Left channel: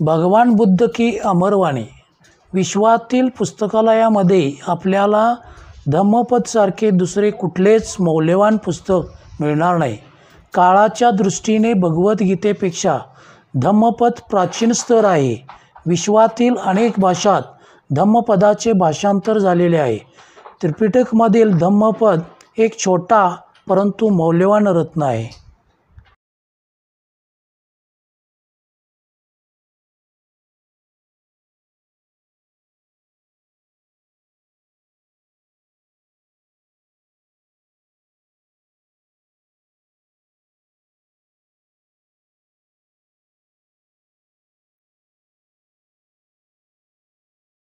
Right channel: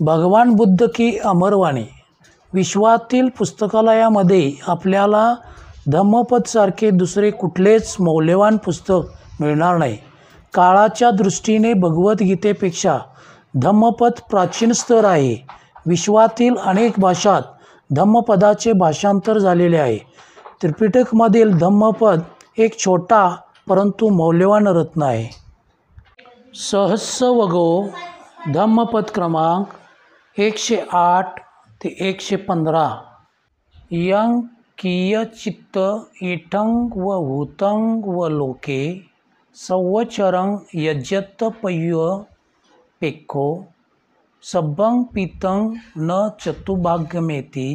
भगवान बुद्ध की अमरवाणी. विश्वातील पुस्तकालयामध्ये आपल्याला धम्मपदसारखे दुसरे कुठलेच मौल्यवान पुस्तक मिळणार नाही. काळाच्या दृष्टीने भगवद्गीतेपेक्षा धम्मपद प्राचीन स्तर आहे. विश्वातील अनेक भाषात धम्मपदाचे भाषांतर झालेले आहे. त्रिपिटकमधील धम्मपद एक छोटा परंतु मौल्यवान रत्न आहे. सहस्रवगो धम्मपद क्रमांक 108 ते 115. यं कियचित्त इठं व हुतं व लोके संवत्सरं यजत पय्य पेक्खो सब्बं पीतं न चतुर्भाग्यमेति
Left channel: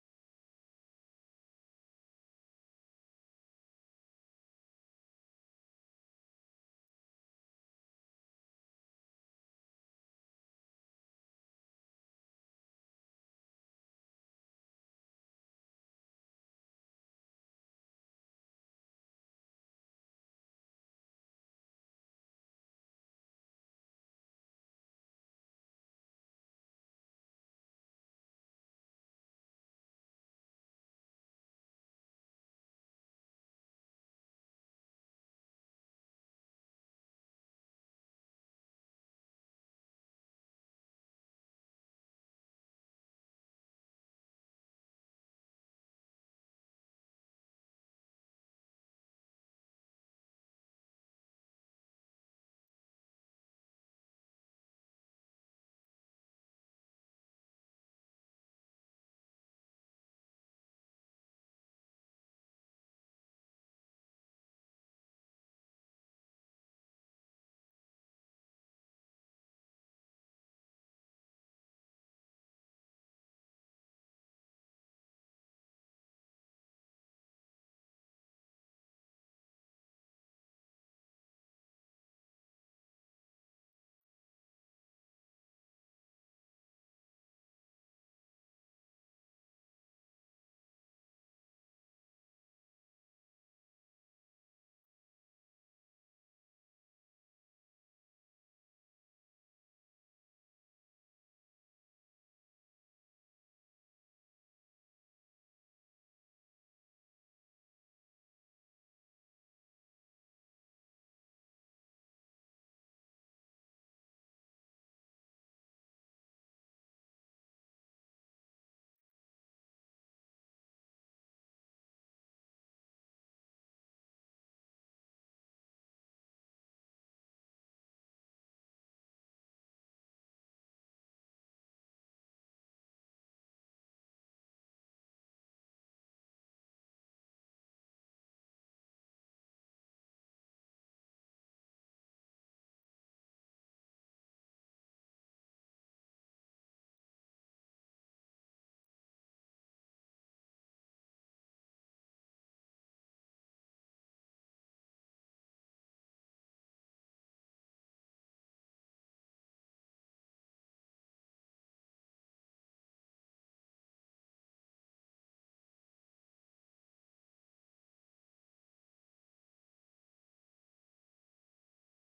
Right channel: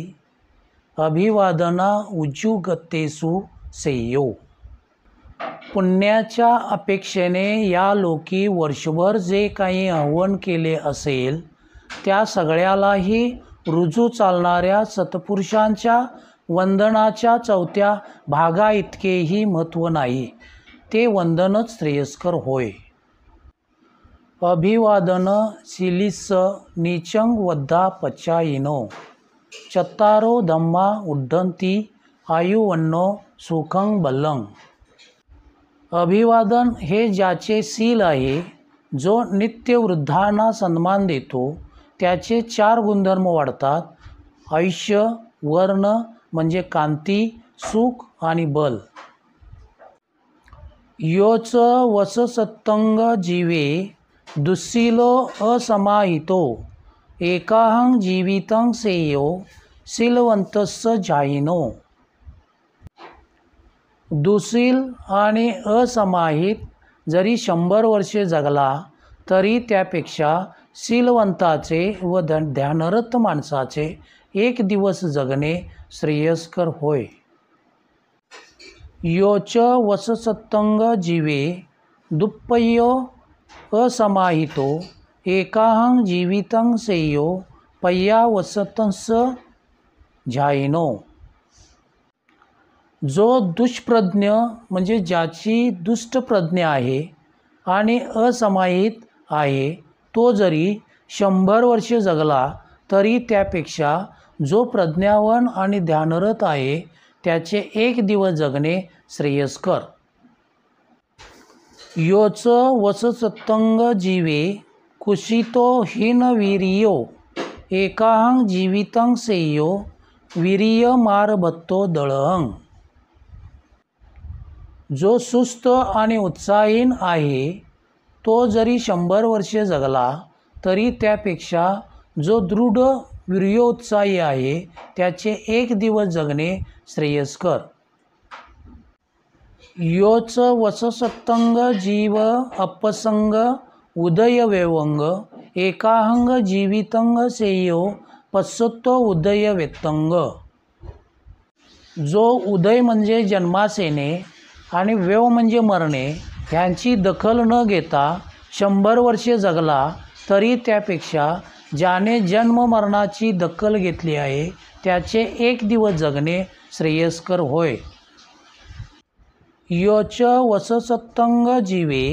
अभिवादना उज्जुगतेषु सेयो. पुण्याच्या अपेक्षेने या लोकी वर्षभर जे काही हवन केले असेल त्या सगळ्यालाही रुजू चालणाऱ्या सत्पुरुषांच्या वंदनाच्या 4थ्या भागा इतकेही महत्त्व नाही. ते वंदनच श्रेयस्कर होय. अभिवादन शीलिस नीचं वद्धा पचायिनो चत्तारो धम्मा उड्डन्ति आयुवन्नो सुखं बलं. अभिवादन हे ज्याचे शील आहे, जो नित्य वृद्धांना सन्मान देतो, त्याचे 4 गुणधर्म वाढतात: आयुष्य, वर्ण म्हणजे कांती, सुख आणि बल. योच वससत्तंग जीवे दुःशीलो असमाहितो एकाहं जीवितं सेयो शीलवंतस्य जायिनो. दुःशील आणि असमाहित जरी 100 वर्षे जगला तरी त्यापेक्षा शीलवंताचे व ध्यानरत माणसाचे 1 दिवस जगणे श्रेयस्कर होय. योच वससत्तंग जीवे दुप्पयो असमाहितो एकाहं जीवितं सेयो पय्या वसतंस्य जायिनो. जो दुष्प्रज्ञ म्हणजे ज्याची दुष्ट प्रज्ञा आहे आणि असमाहित आहे, तो जरी 100 वर्षे जगला तरी त्यापेक्षा जो प्रज्ञावान आणि ध्यानरत आहे त्याचे 1 दिवस जगणे श्रेयस्कर. योच वससत्तंग जीवे कुशीतो हीनवीर्यो एकाहं जीवितं सेयो वीर्यमारभत्तो दळहं. जो सुस्त आणि उत्साहीन आहे, तो जरी 100 वर्षे जगला तरी त्यापेक्षा जो दृढ वीर्योत्साही आहे त्याचे 1 दिवस जगणे श्रेयस्कर. योच वससत्तंग जीव अपसंग उदयवेवंग एकाहं जीवितं सेयो पश्यतो उदयवेत्तंग. जो उदय म्हणजे जन्मास येणे आणि वेव म्हणजे मरणे ह्यांची दखल न घेता 100 वर्षे जगला तरी त्यापेक्षा ज्याने जन्म मरणाची दखल घेतली आहे त्याचे 1 दिवस जगणे श्रेयस्कर होय. योच वससत्तंग जीवे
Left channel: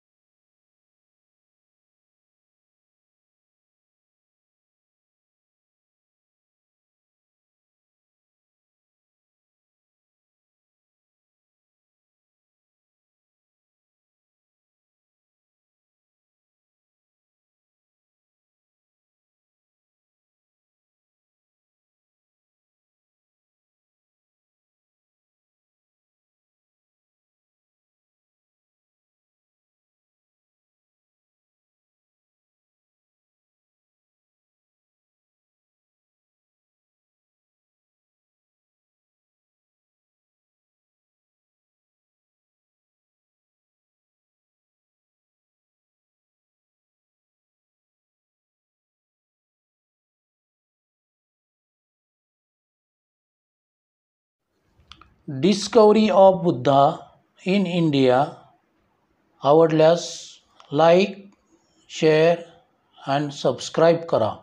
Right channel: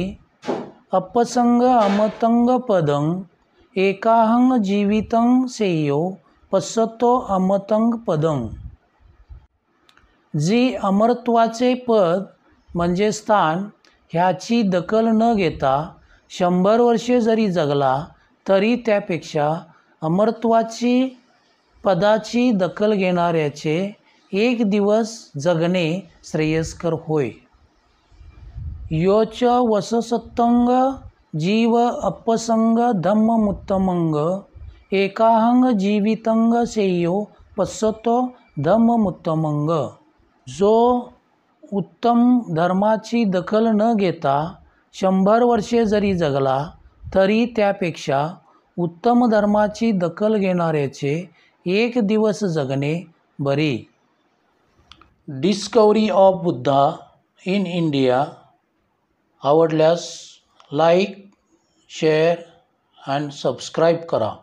अपसंग अमतं पदं एकाहं जीवितं सेयो पश्यतो अमतं पदं. जी अमरत्वाचे पद म्हणजे स्थान ह्याची दखल न घेता 100 वर्षे जरी जगला तरी त्यापेक्षा अमरत्वाची पदाची दखल घेणाऱ्याचे 1 दिवस जगणे श्रेयस्कर होय. योच वससत्तंग जीव अपसंग धम्ममुत्तमंग एकाहं जीवितं सेयो पश्यतो धम्ममुत्तमंग. जो उत्तम धर्माची दखल न घेता 100 वर्षे जरी जगला तरी त्यापेक्षा उत्तम धर्माची दखल घेणाऱ्याचे 1 दिवस जगणे बरे. Discovery of Buddha in India आवडल्यास लाईक, शेअर अँड सबस्क्राईब करा.